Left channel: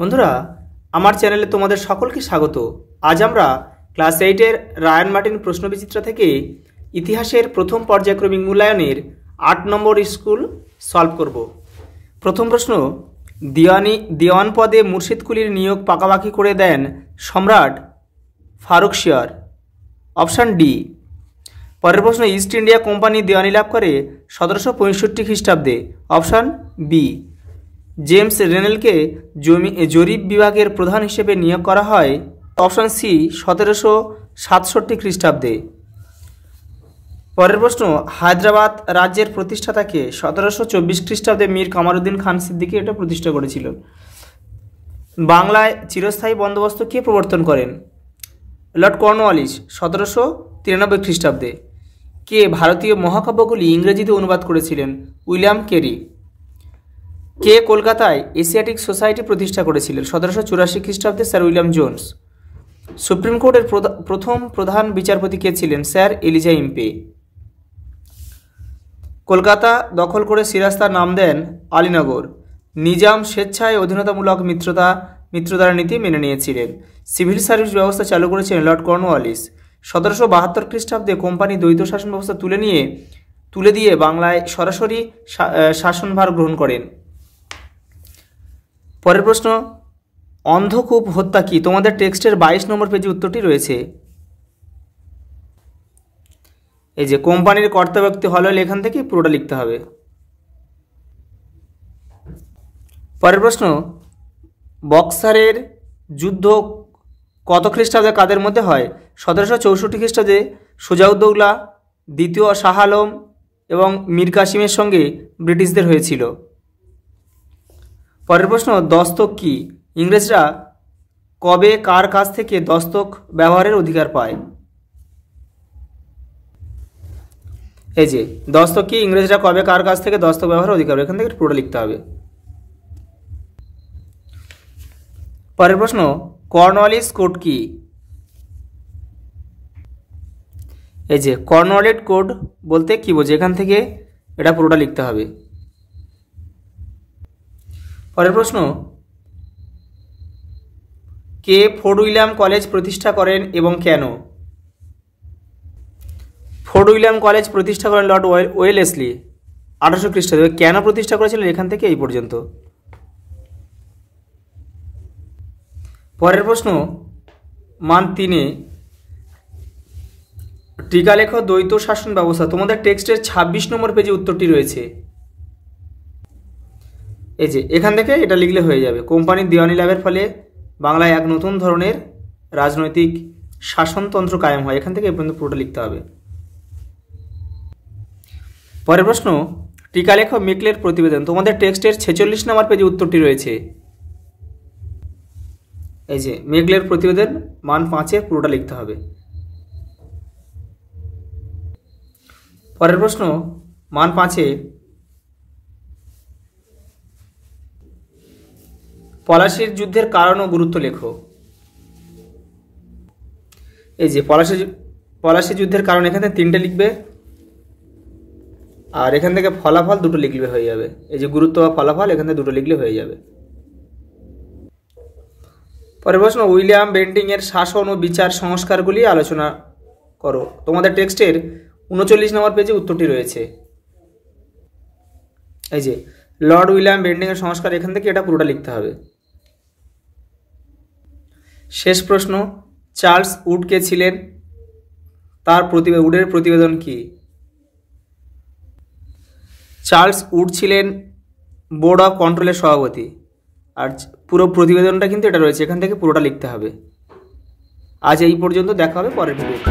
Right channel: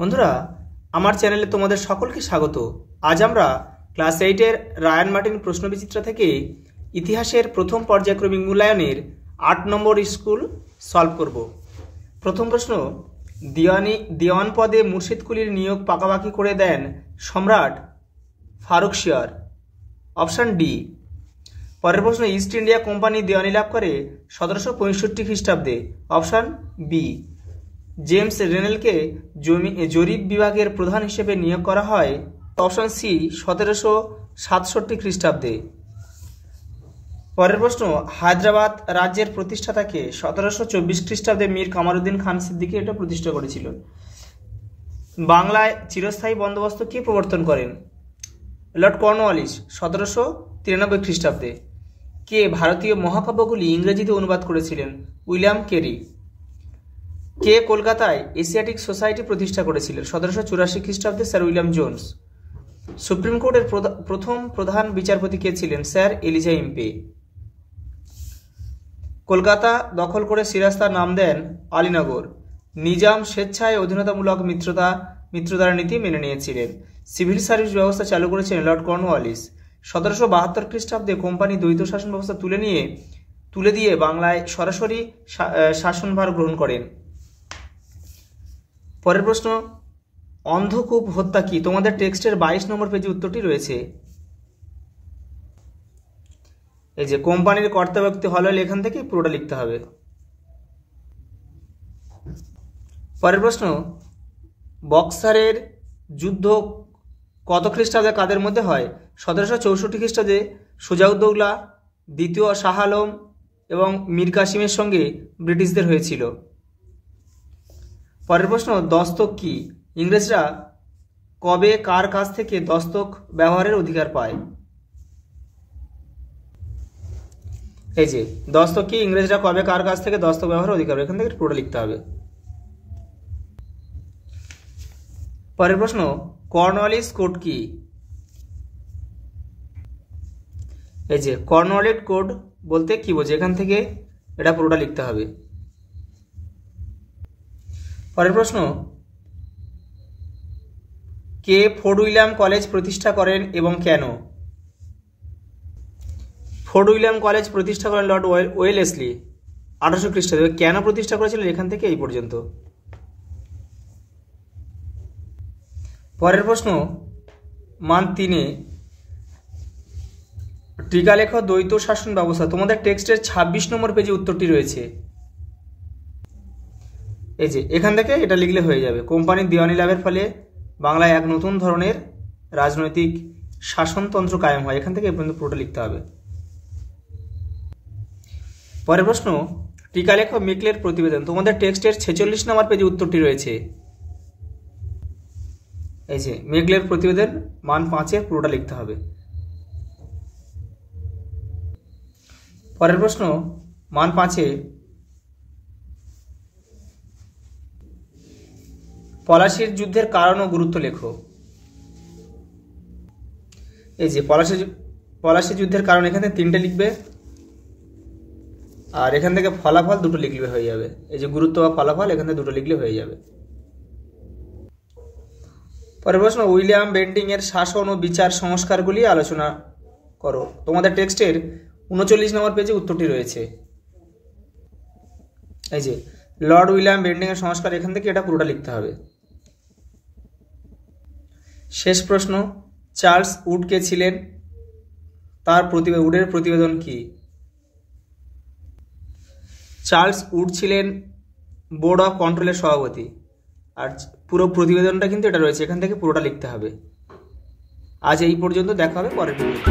বন্ধুরা, আমার চ্যানেলে তোমাদের সকলকে স্বাগত। আজ আমরা ক্লাস 8-এর রায়ান মার্টিন প্রশ্নবিচিত্রা থেকে ইতিহাসের প্রথম পর্যায়ক্রমিক মূল্যায়নের 8 নম্বর স্কুল সলভ করব। প্রথম প্রশ্ন, দিওয়ান পদে মুর্শিদ কুলির নিয়োগ পাকাপাকি করে দেন সম্রাট ফারুকশিয়ার। Option D. পরের প্রশ্ন, ইস্ট ইন্ডিয়া কোম্পানি দেওয়ানি লাভ করে 1765 খ্রিস্টাব্দে। Option B. জেমস রেনেলকে জরিপ বিভাগের প্রধান হিসেবে নিয়োগ করা হয়। অপশান সি, 1767 খ্রিস্টাব্দে। পরের প্রশ্ন, হায়দ্রাবাদ রাজ্যের প্রতিষ্ঠাতাকে 1724 খ্রিস্টাব্দে মীর কামারুদ্দিন খান সিদ্দিকী এটা প্রতিষ্ঠা করেছিল। বাংলায় চিরস্থায়ী বন্দোবস্ত কে প্রবর্তন করেন? লর্ড কর্নওয়ালিস 1793 খ্রিস্টাব্দে। কে ভারতীয় মহাকাব্যগুলি ইংরেজিতে অনুবাদ করেছিলেন? William Carey. কে কলকাতায় এশিয়াটিক সোসাইটি প্রতিষ্ঠা করেছিলেন? 1784 খ্রিস্টাব্দে স্যার উইলিয়াম জোন্স। সুপ্রিম কোর্টের প্রথম প্রধান বিচারপতি কে ছিলেন? Sir Eliza Impey. কলকাতা দখল করে সিরাজ তার নাম দেন আলীনগর। নিজাম স্বেচ্ছায় অধীনতামূলক মিত্রতার নীতি মেনে নিয়েছিলেন। সিভিল সার্ভিস ব্যবস্থা চালু করেছিলেন লর্ড কর্নওয়ালিস। 1772 খ্রিস্টাব্দে কোম্পানি দ্বৈত শাসন ব্যবস্থা তুলে দিয়ে বাংলায় সরাসরি শাসনভার গ্রহণ করেন। পরের প্রশ্ন, অন্ধকূপ হত্যা কি? তোমাদের টেক্সটের 22 নম্বর পেজে উত্তরটি রয়েছে। এই যে কোম্পানির কর্তা ব্যক্তি হল, এখান থেকে পুরোটা লিখতে হবে। পরের প্রশ্ন, বক্সারের যুদ্ধ কত খ্রিস্টাব্দে কাদের মধ্যে হয়? 1764 খ্রিস্টাব্দে সুজাউদ্দৌলা, দ্বিতীয় শাহ আলম এবং মীর কাসিমের সঙ্গে ব্রিটিশদের হয়েছিল। পরের প্রশ্ন, দস্তক কি? ইংরেজরা কবে কার কাছ থেকে দস্তক ব্যবহারের অধিকার পায়? এই যে দস্তক কি, ইংরেজরা কবে কার কাছ থেকে দস্তক ব্যবহারের অধিকার পায়? এখান থেকে পুরোটা লিখতে হবে। পরের প্রশ্ন, কর্নওয়ালিস কোড কি? এই যে কর্নওয়ালিস কোড বলতে কি বোঝে? এখান থেকে এটা পুরোটা লিখতে হবে। পরের প্রশ্ন, কে ফোর্ট উইলিয়াম কলেজ প্রতিষ্ঠা করেন এবং কেন? ফোর্ট উইলিয়াম কলেজ প্রতিষ্ঠা করেন লর্ড ওয়েলেসলি 1800 খ্রিস্টাব্দে। কেন প্রতিষ্ঠা করেছিলেন? এখান থেকে এই পর্যন্ত। পরের প্রশ্ন, মান 3-এ টিকালেখ দ্বৈত শাসন ব্যবস্থা। তোমাদের টেক্সটের 26 নম্বর পেজে উত্তরটি রয়েছে। এই যে এখান থেকে এটা লিখলে হয়ে যাবে। কোম্পানির দেওয়ানি লাভের ফলে বাংলায় এক নতুন ধরনের রাজনৈতিক শাসনতন্ত্র কায়েম হয়। এখান থেকে এই পর্যন্ত পুরোটা লিখতে হবে। পরের প্রশ্ন, টিকালেখ মেকলের প্রতিবেদন। তোমাদের টেক্সটের 46 নম্বর পেজে উত্তরটি রয়েছে। এই যে মেকলের প্রতিবেদন মান 5-এ পুরোটা লিখতে হবে। পরের প্রশ্ন, মান 5-এ পলাশীর যুদ্ধের কারণ ও গুরুত্ব লেখো। এই যে পলাশী যুদ্ধের কারণ এখানে 3টে লিখবে, আর এখান থেকে ফলাফল 2টো লিখলে হয়ে যাবে। এই যে গুরুত্ব বা ফলাফল এখান থেকে 2টো লিখলে হয়ে যাবে। পরের প্রশ্ন, উইলিয়াম বেন্টিং এর শাসন ও বিচার সংস্কারগুলি আলোচনা করো। তোমাদের টেক্সটের 39 নম্বর পেজে উত্তরটি রয়েছে। এই যে লর্ড উইলিয়াম বেন্টিং এর সংস্কার, এখান থেকে এটা পুরোটা লিখতে হবে। শেষ প্রশ্ন, চার্লস উড কে ছিলেন? তার উডের প্রতিবেদন কি? চার্লস উড ছিলেন বোর্ড অফ কন্ট্রোলের সভাপতি। আর পুরো প্রতিবেদনটা কিন্তু এটা রয়েছে, এখান থেকে পুরোটা লিখতে হবে। আজ এই পর্যন্ত, দেখা হবে পরের ভিডিওতে।